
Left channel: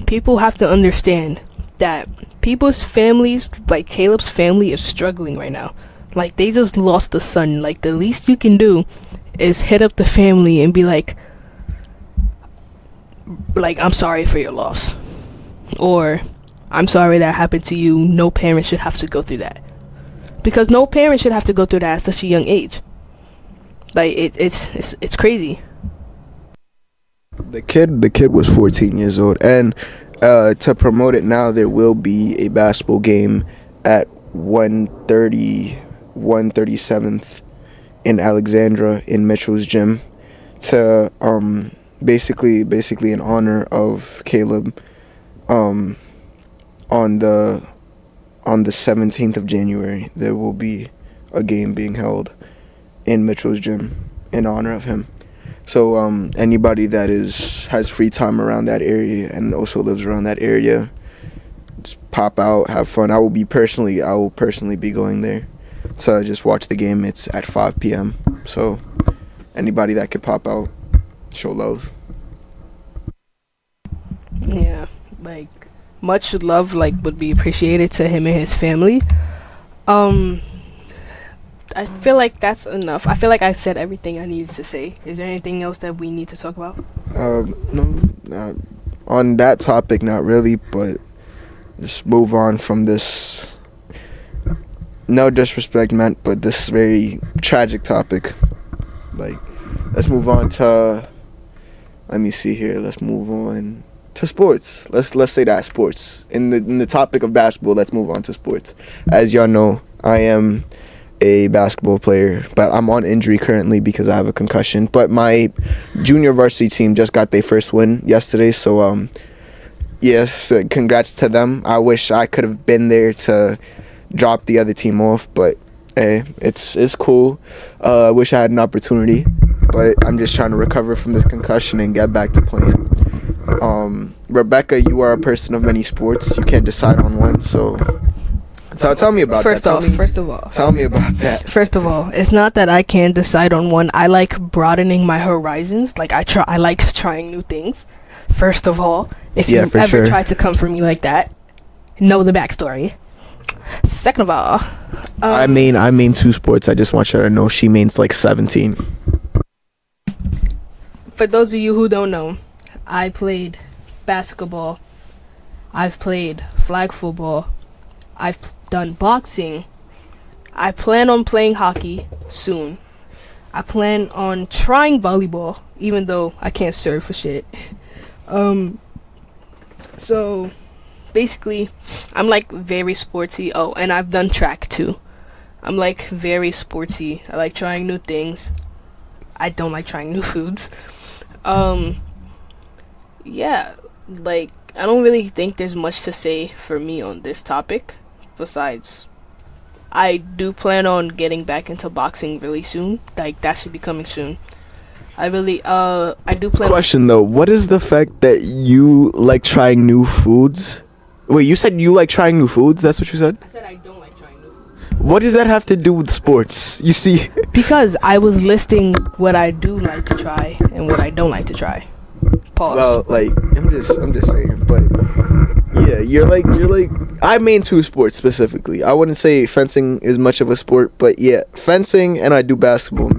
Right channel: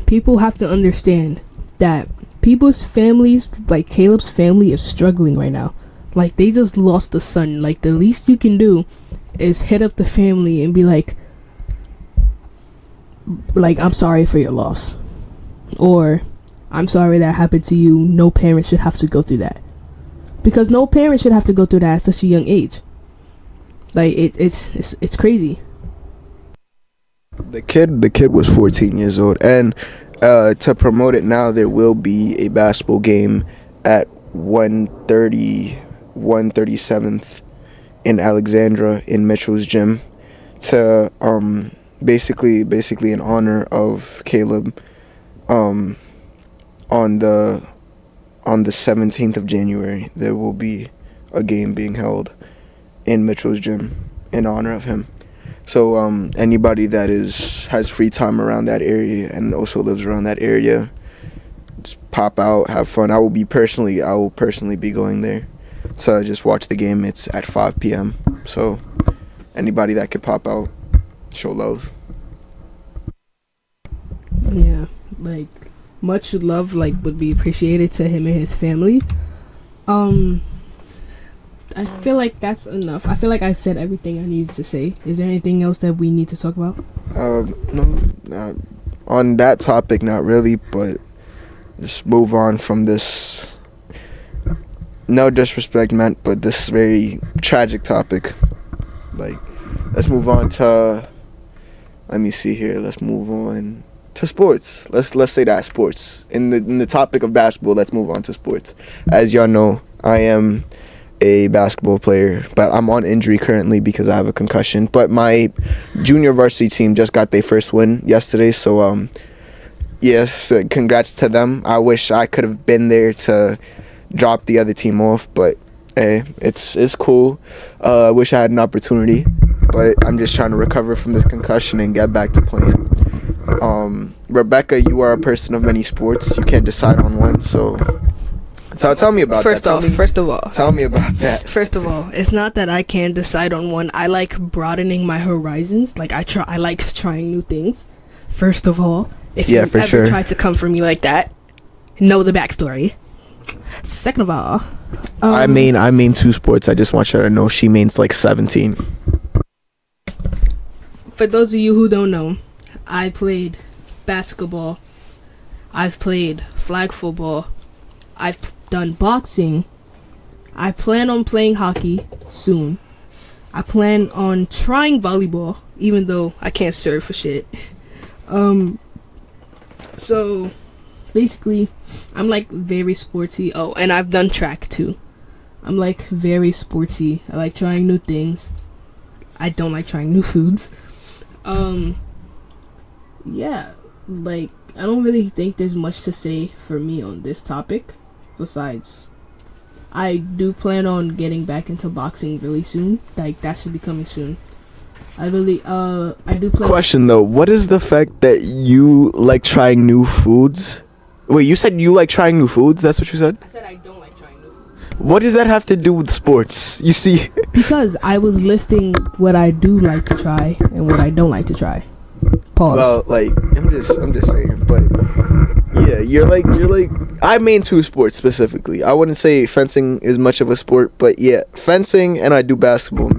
people have to understand that people's families, like Caleb's family, is struggling right now. Like, they just lost a son. Like, the least you can do is hit up the family and be like, I'm sorry for your loss, or I'm sorry that happened to you. No parent should have to go through that, because no parent should have to go through that at such a young age. Like, it's crazy. The kid was 14 years old, and to promote it now, there will be a basketball game at 137th in Alexandra in Mitchell's gym to basically in honor of Caleb. On the 17th of January, there will be a game being held in Mitchell's gym in honor of him. So anybody that has free time around that area and also lives around that area, just pop out, have fun. I will personally be going there to just watch the game. It's at 5 p.m. So anybody that could pop out, show love. Yeah, like, much love, like, would be appreciated to him and his family. I feel like that's enough. I feel like I said everything I needed to say. Is there anything else that we need to talk about? No, not on that topic, not really, but just move on from this. No disrespect meant, but this very tragic topic. Like, let's move on to. Let me see here. Let's move on to sports. Let's say that sports. In the topic of basketball, let's move on to sports. As y'all know, I am a basketball player, but I'm on injury currently because I have a concussion. But my junior varsity team just got their first win yesterday, so so congrats to them. I wish I could have been there to drop the other team off, but hey, it's cool. I wish I had an opportunity, but I'm just trying to recover from this concussion and get back to playing. Rebecca, you are a person of many sports. You can't decide on one, so tell me about that. First of all, tell me about that. First of all, it's not that I can't decide on one. I like broadening my horizons. Like, I like trying new things. First of all, if you ever try to come for me like that, know the backstory. Second of all, I mean 2 sports. I just want you to know she means like 17. For those of you who don't know, I played basketball. I've played flag football. I've done boxing. I plan on playing hockey soon. I plan on trying volleyball, even though I can't serve for shit. So basically, I'm like very sporty. Oh, and I've done track too. I'm like very sporty. I like trying new things. I don't like trying new foods. Yeah, like, I don't really think there's much to say for me on this topic. Besides, I do plan on getting back into boxing really soon. Like, that should be coming soon. I do plan. Question though, what is the fact that you like trying new foods? Wait, you said you like trying new foods? That's what you said? I said I don't like trying new foods. What does that have to do with sports? You see? Because I was listing what I do like to try and what I don't like to try. Pause. Well, like, I'm just saying, but yeah, you're like I main 2 sports specifically. I wouldn't say fencing is much of a sport, but yeah, fencing, and I do basketball.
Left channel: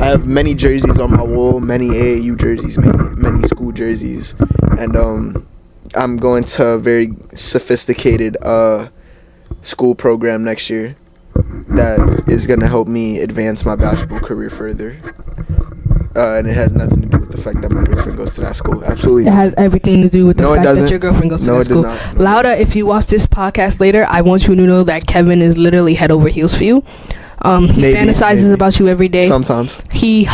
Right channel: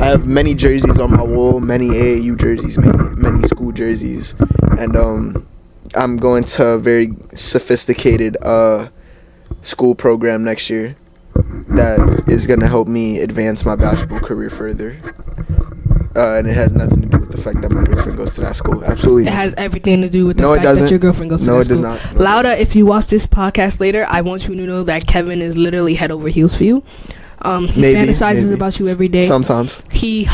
I have many jerseys on my wall, many AAU jerseys, many school jerseys. and I'm going to a very sophisticated school program next year that is going to help me advance my basketball career further. And it has nothing to do with the fact that my girlfriend goes to that school. Absolutely It not. has everything to do with the No, it fact that doesn't. your girlfriend goes to No, that it does school. not. No. Lauda, if you watch this podcast later, I want you to know that Kevin is literally head over heels for you. He Maybe, fantasizes maybe. about you every day. Sometimes. He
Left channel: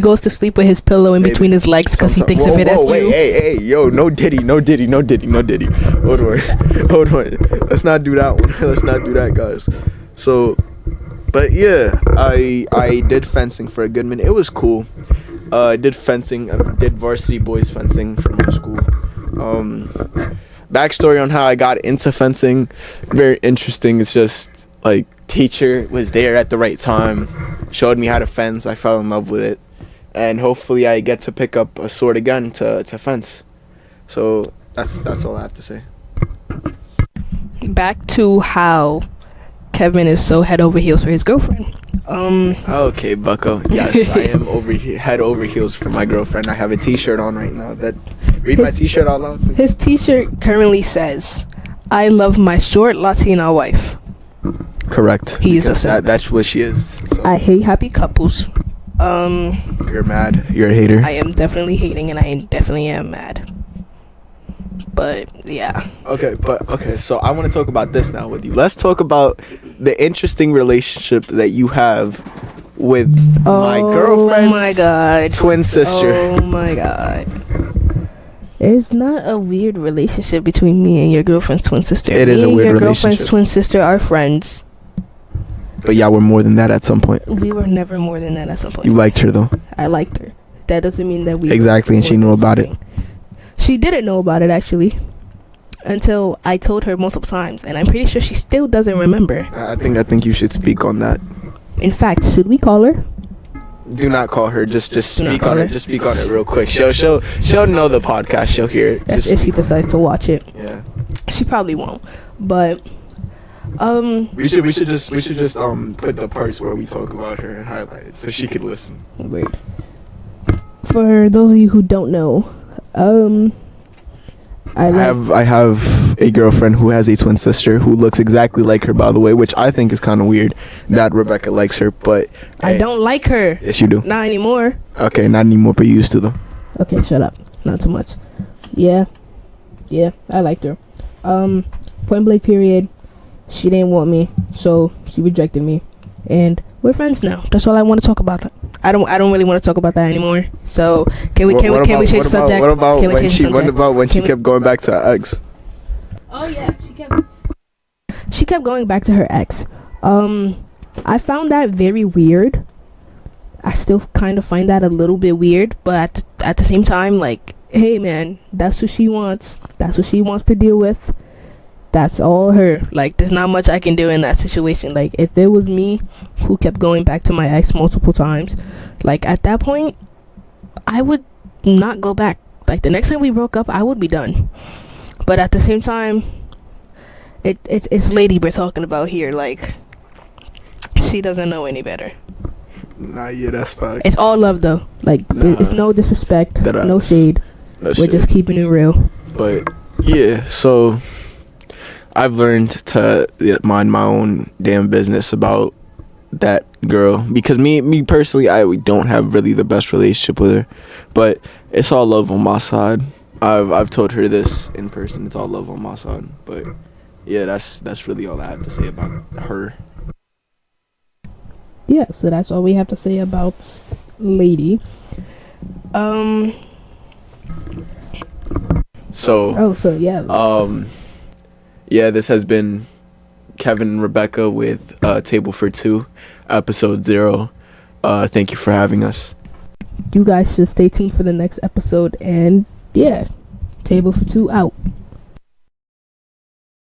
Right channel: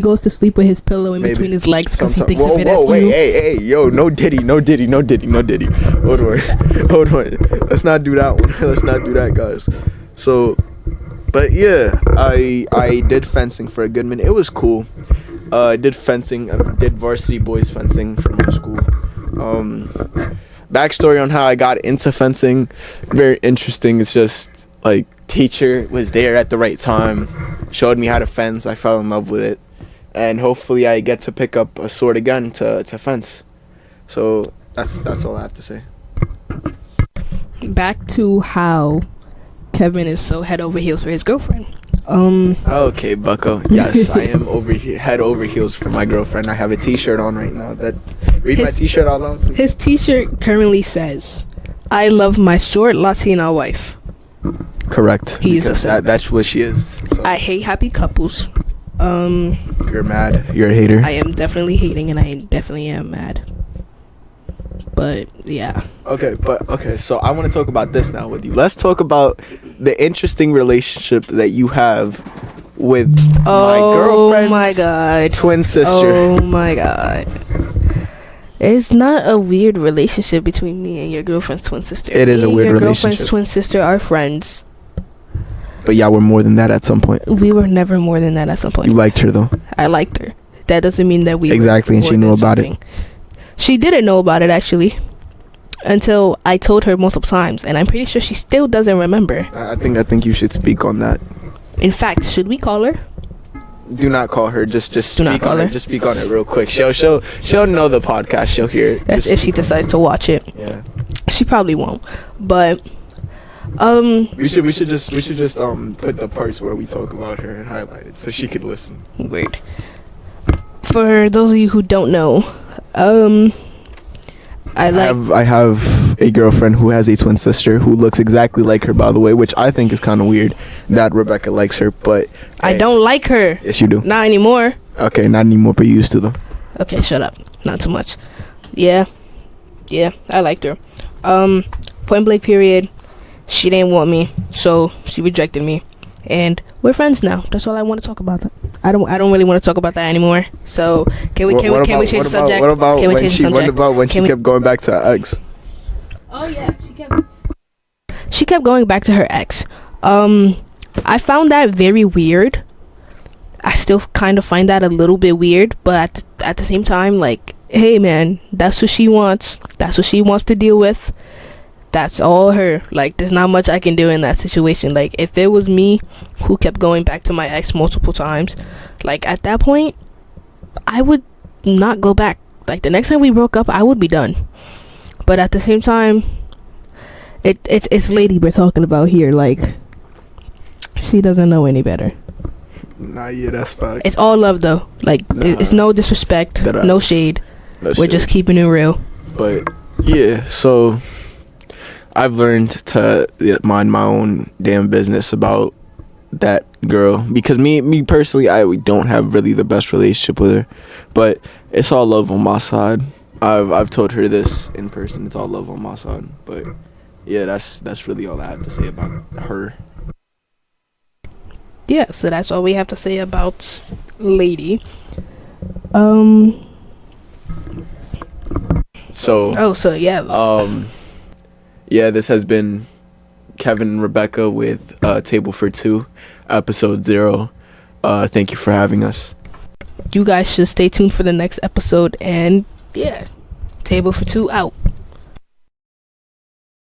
goes to sleep with his pillow in Maybe. between his legs because he Sometimes. thinks of it as wait, you. hey, yo, no diddy. Hold on. Let's not do that one. Let's not do that, guys. So, but yeah, I did fencing for a good minute. It was cool. I did fencing. I did varsity boys fencing for my school. Backstory on how I got into fencing, very interesting. It's just like teacher was there at the right time, showed me how to fence. I fell in love with it, and hopefully I get to pick up a sword again to fence. So that's all I have to say. Back to how Kevin is so head over heels for his girlfriend. Okay, Bucko. Yes, I am head over heels for my girlfriend. I have a T-shirt on right now. Read my T-shirt out loud, please. His T-shirt currently says, "I love my short Latina wife. Correct. He is a because simp. that's what she is. So I hate happy couples." you're mad. You're a hater. I am definitely hating, and I definitely am mad. But yeah, Okay, so I want to talk about this now with you. Let's talk about the interesting relationship that you have with my girlfriend's oh my god, twin sister. Oh my god. It's not a weird relationship between me and your girlfriend's twin sister. It is a weird your girlfriend's relationship. twin sister are friends. But y'all were more than that at some point. We were never more than that at some point. You liked her though. I liked her. That doesn't mean that we Exactly, were and she more knew than about it. something. She didn't know about it actually until I told her multiple times, and I'm pretty sure she still doesn't remember. I think you should speak on that. In fact, should we call her? Do not call her. Just Do not speak call on her. it. Just speak on it real quick. She'll know the podcast. She'll hear it. That's Just if she speak on decides to watch it. it. Yeah. She probably won't. But We should just put the parts where we talk about her and highlight it so she could listen. weird. For those of you who don't know, I have a girlfriend who has a twin sister who looks exactly like her, by the way, which I think is kind of weird that Rebecca likes her, but I hey, don't like her. Yes, you do. Not anymore. Okay, not anymore, but you used to though. Okay, shut up. Not too much. Yeah, I liked her. Point blank period. She didn't want me, so she rejected me, and we're friends now. That's all I want to talk about. I don't really want to talk about that anymore. So can we change the subject? What about Can we when change the she? What subject? about when Can she we- kept going back to her ex? Oh yeah, she kept going back to her ex. I found that very weird. I still kind of find that a little bit weird, but at the same time, like, hey man, that's what she wants. That's what she wants to deal with. That's all her. Like, there's not much I can do in that situation. Like, if it was me who kept going back to my ex multiple times, like, at that point, I would not go back. Like, the next time we broke up, I would be done. But at the same time, it's lady we're talking about here. Like, she doesn't know any better. Nah, yeah, that's fine. It's all love though. Like, Nah. it's no disrespect, That no ass. shade. No We're shit. just keeping it real. But yeah, so I've learned to mind my own damn business about that girl because me personally, we don't have really the best relationship with her, but it's all love on my side. I've told her this in person. It's all love on my side. But yeah, that's really all I have to say about her. Yeah, so that's all we have to say about lady. So So yeah. yeah, this has been Kevin and Rebecca with Table for Two, episode 0. Thank you for having us. You guys should stay tuned for the next episode, and yeah, Table for Two out.